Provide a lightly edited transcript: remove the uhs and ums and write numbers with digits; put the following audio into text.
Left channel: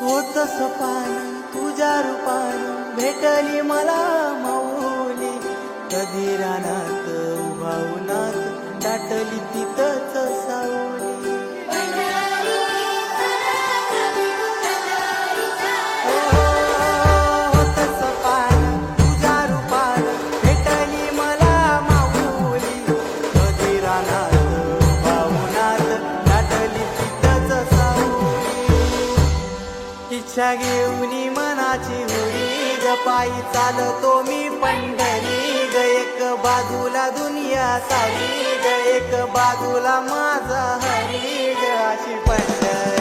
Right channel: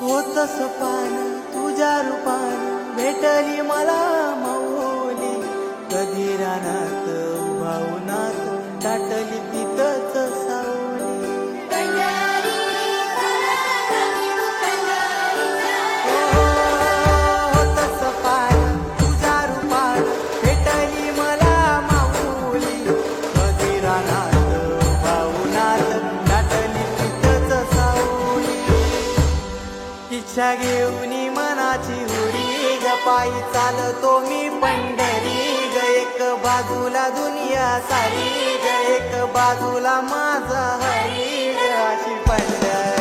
होत सपान तुझ्या रूपान भेटली मला माऊली. कधी रानात उभा उन्हात टाटली तिथंच सावली. होत सपान तुझ्या रूपान भेटली मला माऊली. कधी रानात उभा उन्हात टाटली तिथंच सावली. इच्छा घेऊनी मनाची हुरी ग पायी चालतो मी पंढरी ग. एक बाजूला दुनिया सारी ग एक बाजूला माझा हरी ग. अशी पंढरी